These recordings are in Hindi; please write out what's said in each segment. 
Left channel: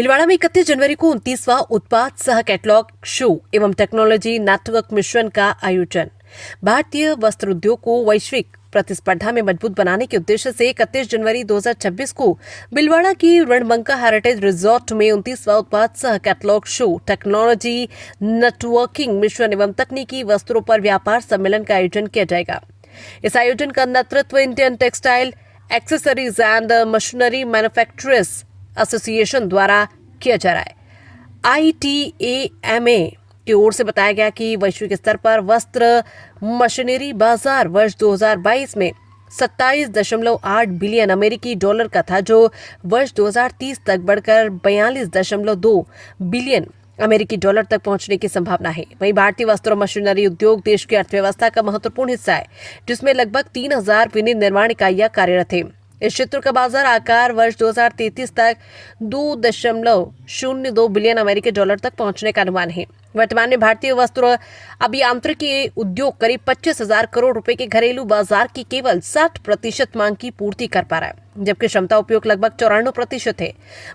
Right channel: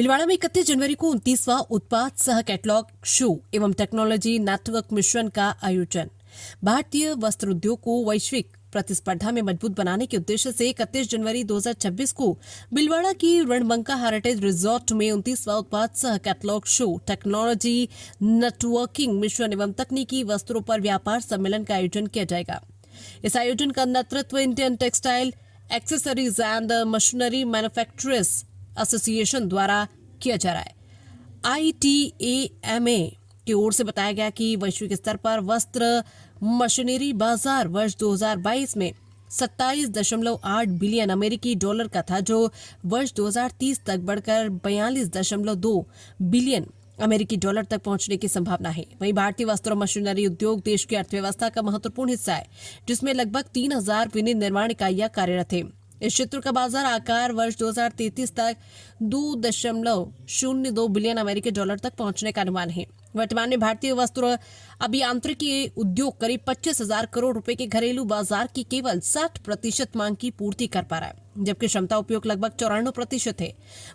भीलवाड़ा में 31 जनवरी को 29वां उत्पाद सह कैटलॉग शो एवं टेक्नोलॉजी नेटवर्क मिशन का आयोजन। भारतीय वस्त्र उद्योग को वैश्विक प्रतिस्पर्धा में मजबूत बनाने के उद्देश्य से 31 जनवरी 2026 को भीलवाड़ा की रणबंका हेरिटेज रिजॉर्ट में 29वां उत्पाद सह catalogue show technology networking mission एवं तकनीकी वस्त्रों पर व्यापार सम्मेलन का आयोजन किया जाएगा। इस आयोजन का नेतृत्व Indian textile accessories and machinery manufacturers association द्वारा किया जा रहा है। ITAMA की ओर से बताया गया कि वैश्विक स्तर पर वस्त्र मशीनरी बाजार वर्ष 2022 में 27.8 बिलियन अमेरिकी डॉलर का था, जो वर्ष 2030 तक बढ़कर 42.2 बिलियन अमेरिकी डॉलर तक पहुंचने की संभावना है। वहीं भारतीय वस्त्र और मशीनरी उद्योग देश की अर्थव्यवस्था का महत्वपूर्ण हिस्सा है, जिसमें लगभग 3000 विनिर्माण इकाइयां कार्यरत है। इस क्षेत्र का बाजार आकार वर्ष 2033 तक 2.02 बिलियन अमेरिकी डॉलर तक पहुंचने का अनुमान है। वर्तमान में भारतीय वस्त्र अभियांत्रिकी उद्योग करीब 25,000 करोड़ रुपए के घरेलू बाजार की केवल 60% मांग की पूर्ति कर पा रहा है, जबकि क्षमता उपयोग लगभग 94% है।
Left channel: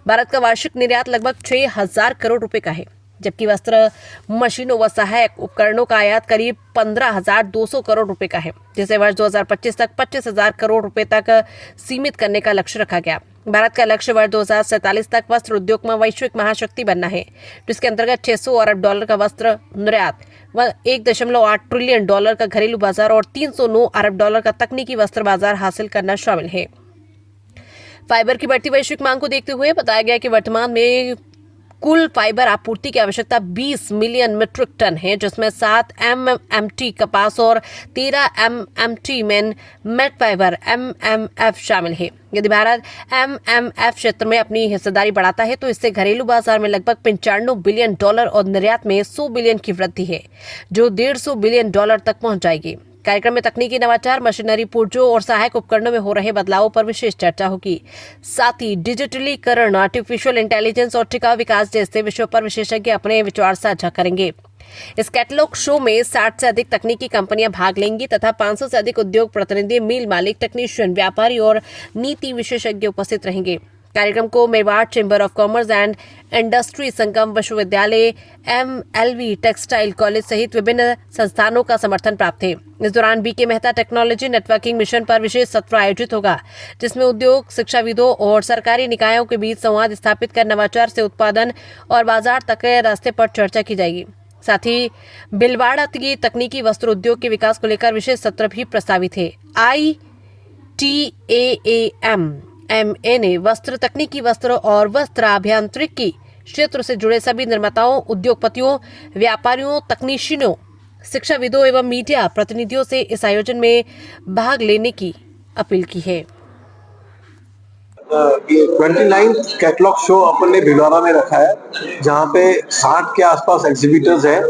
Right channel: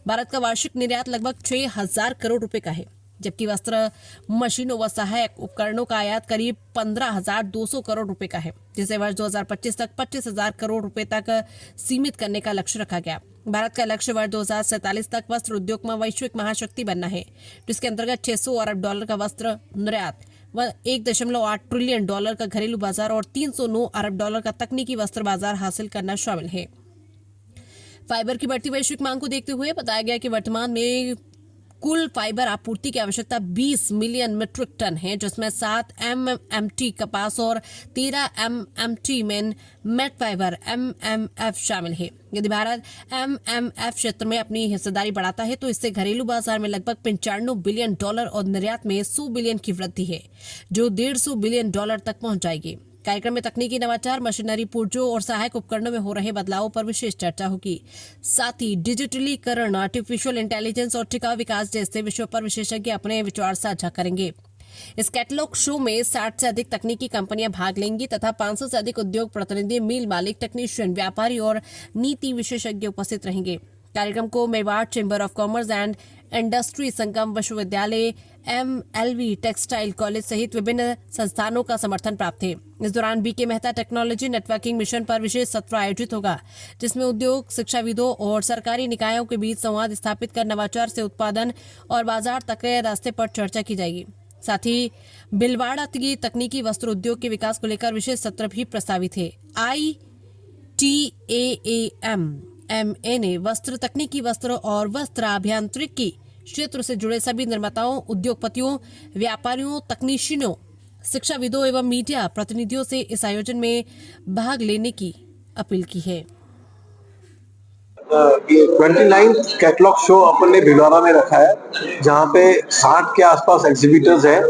भारत का वार्षिक निर्यात लगभग 6,000 करोड़ रुपए का है, जबकि वस्त्र मशीनों व सहायक उपकरणों का आयात करीब 15,200 करोड़ रुपए का है, जिसे वर्ष 2025 तक 25,000 करोड़ रुपए तक सीमित करने का लक्ष्य रखा गया। भारत का लक्ष्य वर्ष 2047 तक वस्त्र उद्योग में वैश्विक महाशक्ति बनना है, जिसके अंतर्गत 600 अरब डॉलर का वस्त्र निर्यात व 1.8 ट्रिलियन डॉलर का घरेलू बाजार और 309 अरब डॉलर का तकनीकी वस्त्र बाजार हासिल करना शामिल है। फाइबर की बढ़ती वैश्विक मांग को देखते हुए बताया गया कि वर्तमान में कुल फाइबर आपूर्ति की आवश्यकता 20 मिलियन मीट्रिक टन है, जिसमें 7 MMT कपास और 13 MMT मेट फाइबर MMF शामिल है। यदि भारत MMF क्षेत्र में अपनी हिस्सेदारी बढ़ाता है तो इससे घरेलू बाजार में लगभग 95 बिलियन डॉलर और निर्यात में 100 बिलियन की वृद्धि है, जो 150 बिलियन डॉलर तक पहुंच जाएगी। कार्यक्रम में तकनीकी नवाचार, मशीनरी पुर्जों और सहायक उपकरणों में हो रहे बदलावों पर विशेष चर्चा होगी। साथ ही डिजिटलीकरण, आर्टिफिशियल इंटेलिजेंस और टिकाऊ विकास जैसे विषयों पर विशेषज्ञ अपने विचार साझा करेंगे। इस कैटलॉग शो में 60 से अधिक तकनीकी कंपनियां भाग लेंगी तथा 500 से अधिक उद्योग प्रतिनिधि, मिल मालिक, टेक्नीशियन, व्यापारी और नीति विशेषज्ञ उपस्थित रहेंगे। कार्यक्रम को Mewar chamber of commerce and industry, Sangam विश्वविद्यालय, MLV टेक्सटाइल कॉलेज सहित विभिन्न संस्थानों का समर्थन प्राप्त है। इस दौरान BK Mehta technology networking mission पर विशेष सत्र आयोजित होगा, जिसमें उद्योग, शिक्षाविदों और सरकारी निकायों के बीच संवाद स्थापित कर नवाचार से उत्पादन और बाजार तक के रास्ते पर चर्चा की जाएगी। साथ ही भीलवाड़ा की तकनीकी वस्त्र उद्योग के विकास को लेकर विशेष सत्र भी प्रस्तावित है। ITAMA ने वस्त्र, तकनीकी वस्त्र और वस्त्र अभियांत्रिकी क्षेत्र से जुड़े सभी निर्माताओं, उद्योगपतियों, व्यापारियों, तकनीशियनों, शिक्षाविदों एवं मीडिया प्रतिनिधियों से इस आयोजन में भाग लेने की अपील की है। ये 29 कैटलॉग शो अपन ने भीलवाड़ा में रखा है, जहाँ पे 60 के आसपास एग्जीबिटर्स हैं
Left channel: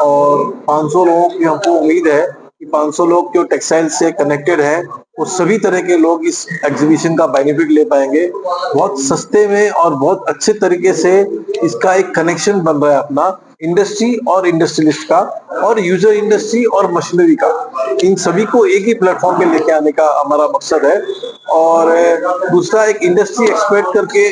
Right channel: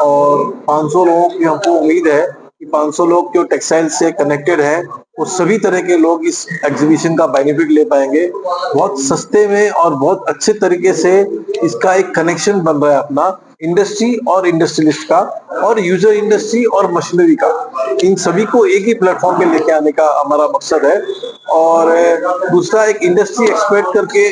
और 500 लोगों की हमको उम्मीद है कि 500 लोग जो टेक्सटाइल से कनेक्टेड हैं वो सभी तरह के लोग इस एग्जीबिशन का बेनिफिट ले पाएंगे। बहुत सस्ते में और बहुत अच्छे तरीके से इसका एक कनेक्शन बन रहा है अपना इंडस्ट्री और इंडस्ट्रियलिस्ट का और यूजर इंडस्ट्री और मशीनरी का, इन सभी को एक ही प्लेटफॉर्म पे लेके आने का हमारा मकसद है। और दूसरा, एक इंडस्ट्री एक्सपर्ट करके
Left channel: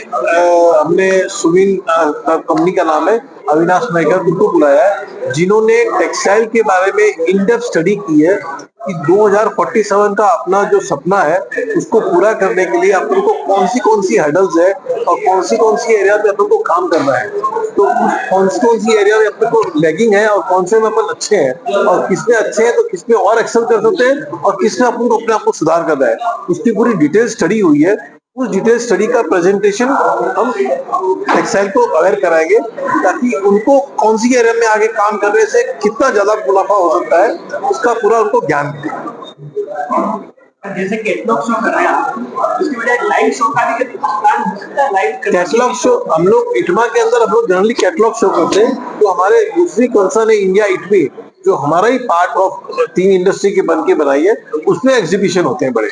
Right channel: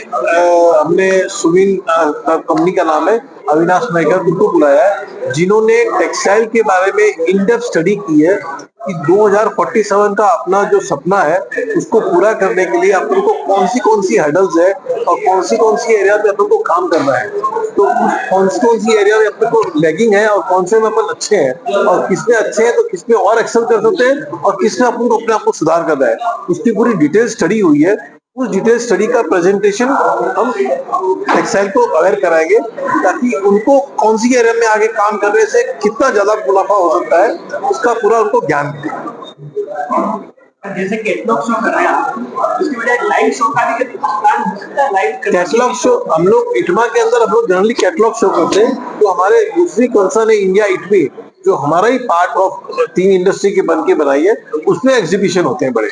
हमने सुविन कंपनी का नाम है, अविनाश नायकर, उनको बुलाया है, जिन्होंने टेक्सटाइल के बारे में इन डेप्थ स्टडी की है कि 2047 का अपना जो सपना है उसको पूरा करने के लिए अपन को कौन सी हर्डल्स है और कौन सी एरिया में अपन को काम करना है, तो कौन सी एरिया में अपन को लैगिंग है और कौन से में अपन अच्छे हैं और किसमें अच्छे हैं तो किसमें और एक्सेल कर सकते हैं और किसमें अपन को अपने आप को सुधार करना है, उसकी पूरी डिटेल स्टडी हुई है। उस डिटेल स्टडी का प्रेजेंटेशन हम टेक्सटाइल को अवेयर कराएंगे ताकि उनको कौन सी एरिया में आगे काम करने से कितना ज्यादा मुनाफा हो सकता है उसका पूरा उनको ज्ञान मिले। जैसे कैटलॉग शो कर रहे हैं, उसकी वजह लाइव शो का भी प्लान हो सकता है। लाइव कैटलॉग शो हम लोग इटमा के अंदर हम लोग जनरली कैटलॉग शो करते हैं, तो हमारे दूसरी कंसर्न है इंडिया इटवी, जो हमारा ही पार्ट ऑफ 3 इंडस्ट्री के बन के बनाई है, उसमें एग्जीबिशन होते हैं बड़े।